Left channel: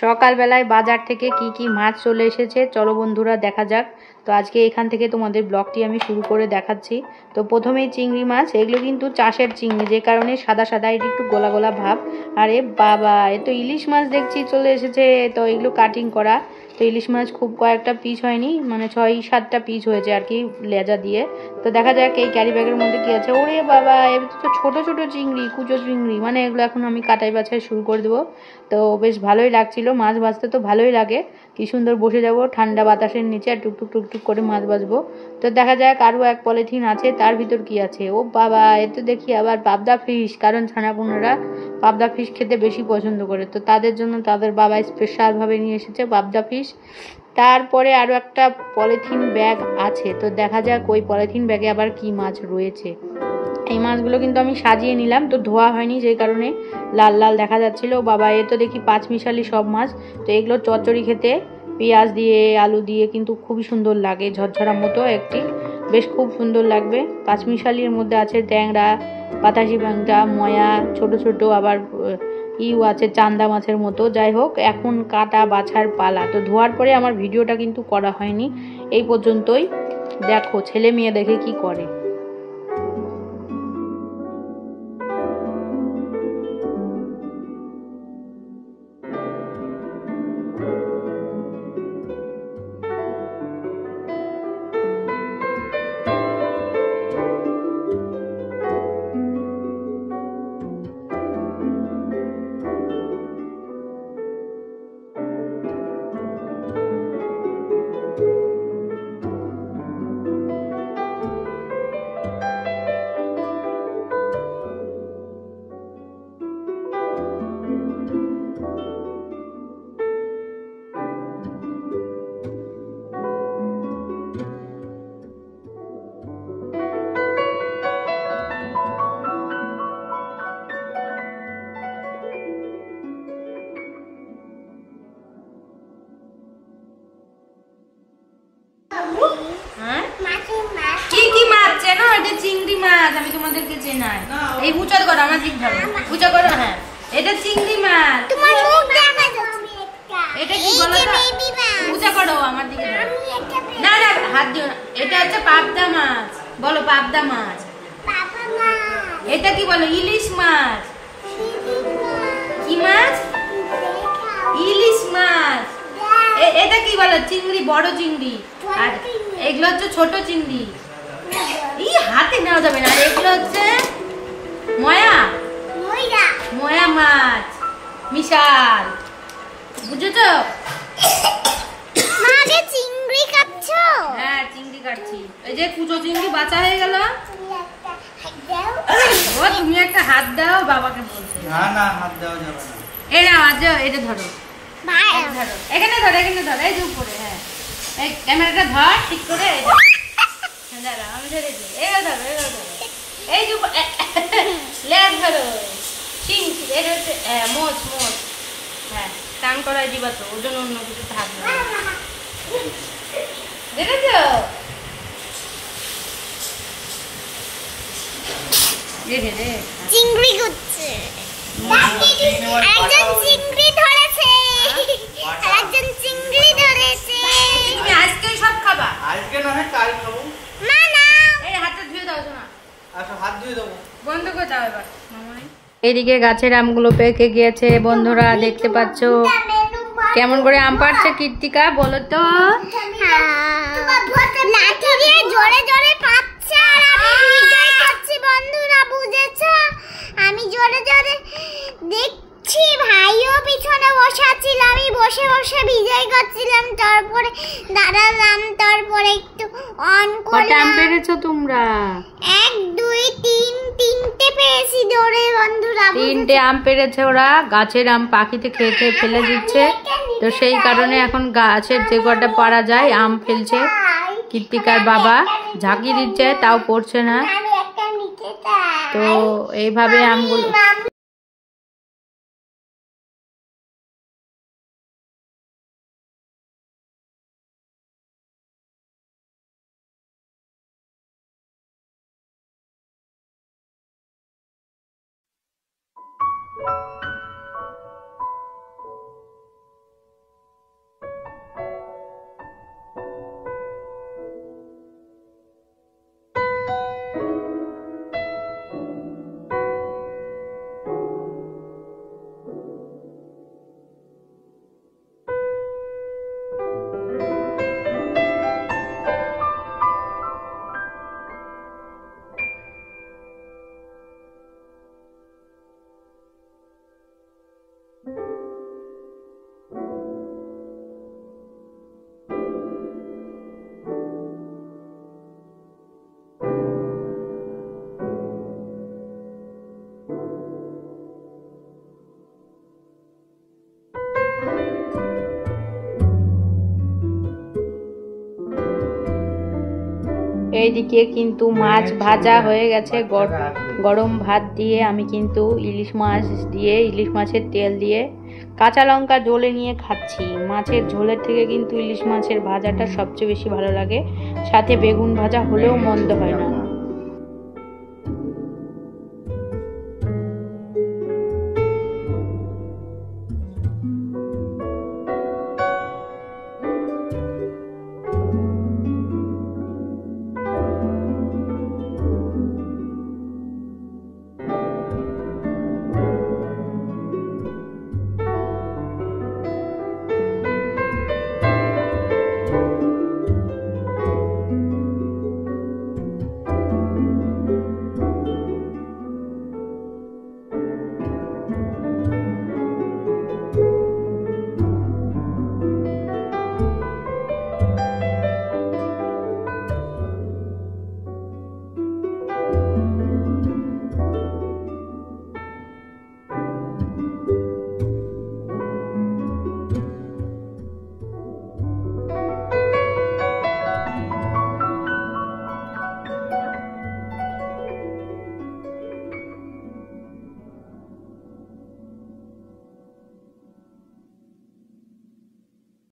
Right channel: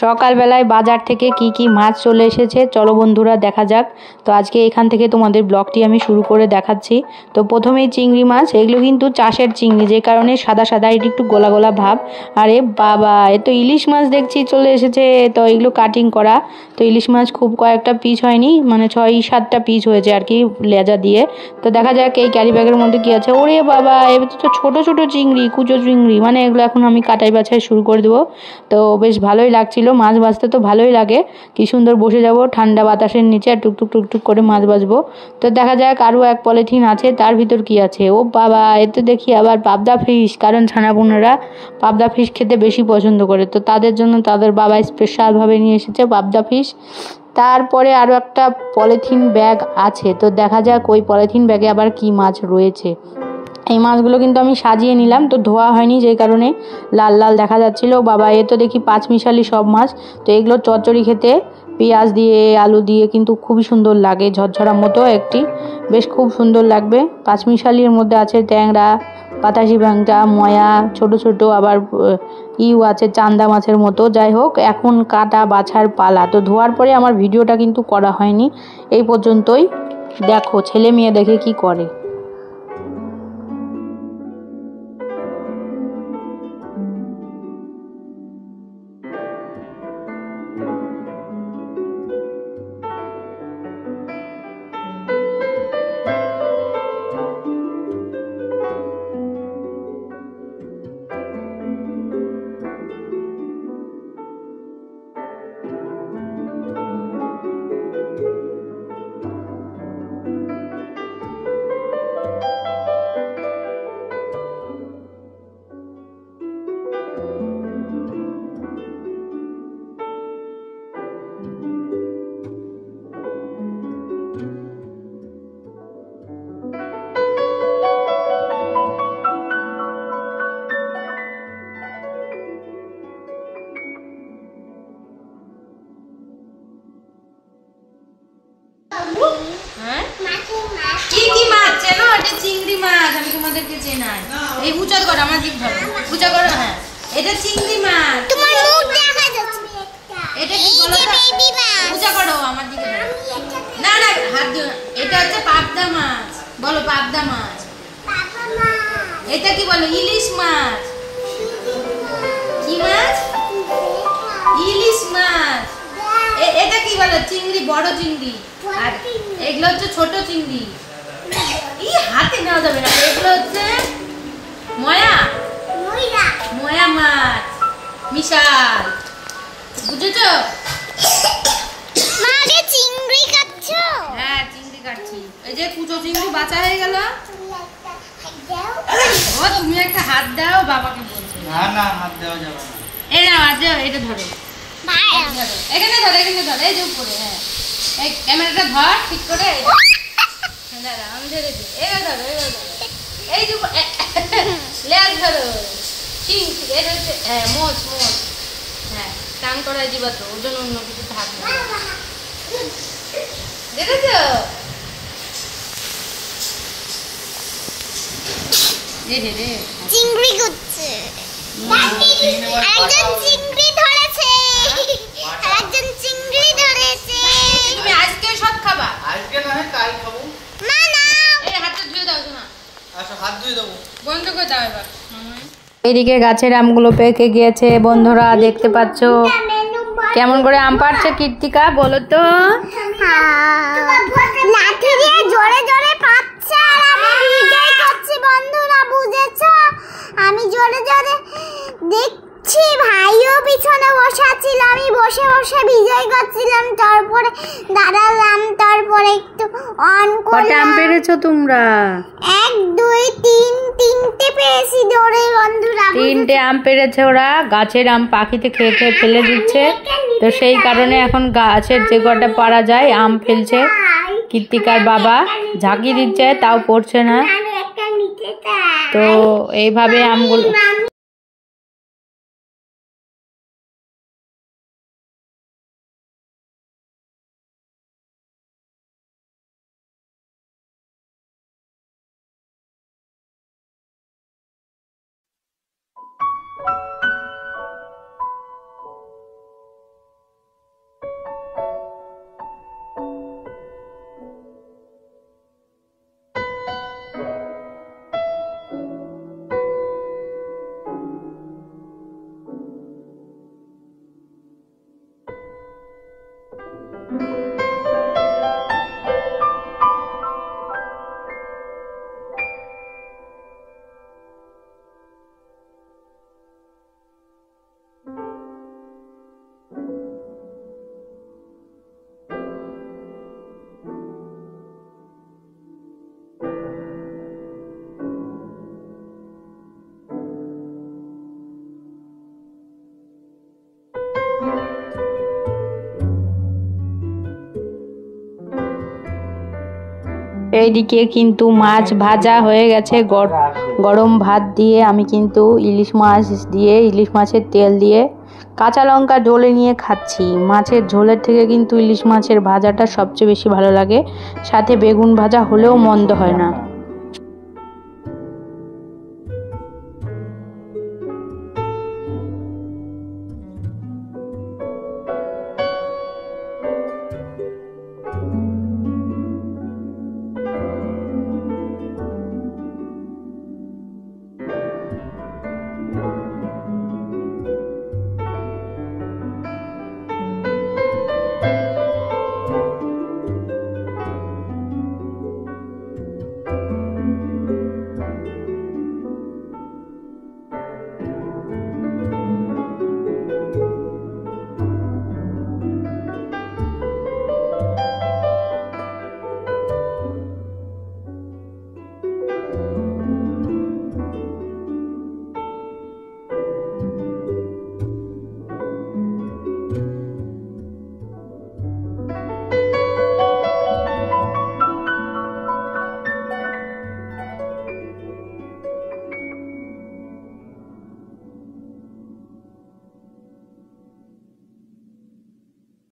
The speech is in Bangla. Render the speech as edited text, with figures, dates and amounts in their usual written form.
সকালবেলায় বাজার থেকে কি কি মাছ চলে এসেছে চলো বন্ধুরা দেখা যাক। তো আজকে এখান থেকে তোমাদের ব্লগটি আমি শুরু করে দেখাচ্ছি। তো প্রথমেই চিংড়ি মাছ, এগুলো কিন্তু চাষের চিংড়ি, যে কারণে সাদা সাদা এটি একটু গোলা গোলা ভাব। আরে বাবা, এ তো ইলিশ মাছ দেখছি চলে এসেছে। তো এগুলো কাটিং করা। তো ইলিশ মাছ খুব কয়েকটা পিস হয়নি, মানে 6-7টা পিস হয়েছে আর কি, লেজা দিয়ে। তো দেখা যাক এই ক্যারি ব্যাগের মধ্যে কি আছে। ওরে বাবা, এবার তো ছোট ছোট চিংড়ি, কুচো চিংড়ি, মানে এগুলো এখন আমি কাটাই বাছাই শুরু করে দেবো। তো বেশ ভালোই লাগছিল, মাছ ভাজতে তো ভালোই লাগে। কি সুন্দর বসে যাব ঠান্ডা বাতাসের নিচে আর টুকটুক টুকটুক করে মাছ ভাজবো। তো দেখা যাক আরও এক পলিথিন আছে, তার ভিতর কি আছে। ও বাবা, এতে দেখি আবার পাবদা ফিশ, কারণ ছানাপোনারা পাবদা ফিশ খেতে বেশি পছন্দ করে। তো তাদের জন্য তাদের বাবা স্পেশালভাবে নিয়ে এসেছে পাবদা ফিশ। তারপরে আরও একটা পলিথিন ব্যাগ আছে, তো দেখা যাক ওই পলিথিন ব্যাগে আবার কি মাছ রয়েছে। এই মাছগুলো কিন্তু আমি সাজিয়ে নিলাম, তো ধোয়া হয়নি, যেই কারণে লাল লাল দেখা যাচ্ছিল। বাবা, এ তো দেখি পাঁচমিশালি সব মাছ। তো এগুলো চচ্চড়ি খেতে পেঁয়াজ দিয়ে আলু দিয়ে কিন্তু খুবই সুন্দর লাগে, ঝরঝরা মতো একটি, বেশ খুব সুন্দর লাগবে। পাঁচমিশালির মধ্যে আছে ট্যাংরা, পাতাসি ভাঙা, ময়া, ছোট ছোট আবার ইউ আছে চান্দা মাছের মতো। যাই হোক, এখন কাটা বাছার পালা। তো ধোয়ার পরে আমার ভিডিওটা কিন্তু করা হয়নি, এই পর্যন্তই। দেখো ছেলে মেয়ে দেখে কি করে। কি কি মাছ চেনো? এটা চিংড়ি মাছ, আমি তোমাদেরকে চেনাই। এই উঁচা করো, আমার দিক ধরো, উঁচা করো। হ্যাঁ, এটা চিংড়ি মাছ। তোমার মুখ দেখা যাচ্ছে। এটা কি বলো তো? বেবি মাছ। উঁচা করো, আমার দিকে ধরো। না না, হাত দিও না। এটা হচ্ছে পাবদা মাছ। বলো পাবদা মাছ। পাবদা মাছ। এটা কি বলো? ইলিশ মাছ। কি মাছ? ইলিশ মাছ। এটা কি বলো? চিংড়ি, বড় চিংড়ি। আর এগুলো হচ্ছে ছোট চিংড়ি। এই হাতে নেওয়া যাবে না। এগুলো হচ্ছে ময়া, ময়া মাছ, মিশাল। বুঝেছো? মাকে চিংড়ি কাটছো? হ্যাঁ, চিংড়ি কাটছি। এই যে কুচো চিংড়ি বাঁচা হয়ে গেল। ও তুমি একটা হাত দাও, বাবাকে বলছো। না না, হাত দেওয়া যাবে না। এই নাও, আজ এটা ধরো। ধরো, এখানে ধরো, এখানে ধরো, এই যে উপরে। হ্যাঁ, এই ক্যামেরাটা ধর ঠিক করে। দাঁড়া, আমি ধরে দিই। এগো ধরো, এগো ধরো। এই যে লেজ ধরো। চিংড়ি, এটা হচ্ছে মোচ, মোচ। হ্যাঁ, কান করাই দিবা তো, ওজন অন্য কিছু থাকবে না। দেখেছো? চিংড়ি করছে। একজন চিংড়ি ধরেছে, একজন চিংড়ি ধরেছে। তুমি আজকে সব খাবা? আজকে না, কাল খাবো। না না, এই হাতটা ধুয়ে দাও তোমার। আচ্ছা, হাত ধুয়ে দাও, বন্ধ করে দাও এবার। এদিকে গাছের আমগুলো পেকে গিয়েছে বন্ধুরা, দেখতে পাচ্ছ। কেমন করে আম পাড়ছে কীর্তিকা, বলো তো? লাঠি দিয়ে জোরে জোরে পাচ্ছে আর আমি ভিডিও করছি বন্ধুরা, বুঝেছো? আমি জোরে জোরে দেখছি, ভাইও পিছনে বসে আছিল, আমি বসে বসে ভিডিও করছিলাম। তারপরে দাঁড়ালাম, তারপরে একটু অন করলাম। কত আম পেরেছো তোমরা? 1 2 3, তিনটে পেয়েছি ধরে বন্ধুরা। 3টে আম পেরেছে ওরা। গাছের আম পাখিতে খেয়ে খেয়ে ফেলে দিচ্ছে, তো সেই কারণে এখন গাছের যে কটা পারা যায় আম ফেলছে। কীর্তিকার বাবা ঝাঁকি দিচ্ছে, তাও পড়ছে না। তো এইভাবে আমগুলো এইদিকে কিন্তু মাছ ভাজা হয়ে গেছে। গরম ভাত দিয়ে আমি কিন্তু ইলিশ মাছ দিয়ে, ইলিশ মাছের তেল দিয়ে কাঁচা লঙ্কা ঝোলে নিয়ে খাচ্ছি। মাছের ঝোলের থেকে কিন্তু ইলিশ মাছের ভাজাটা সবচেয়ে বেশি ভালো লাগে, সাথে বেগুন ভাজা হলেও মন্দ হয় না।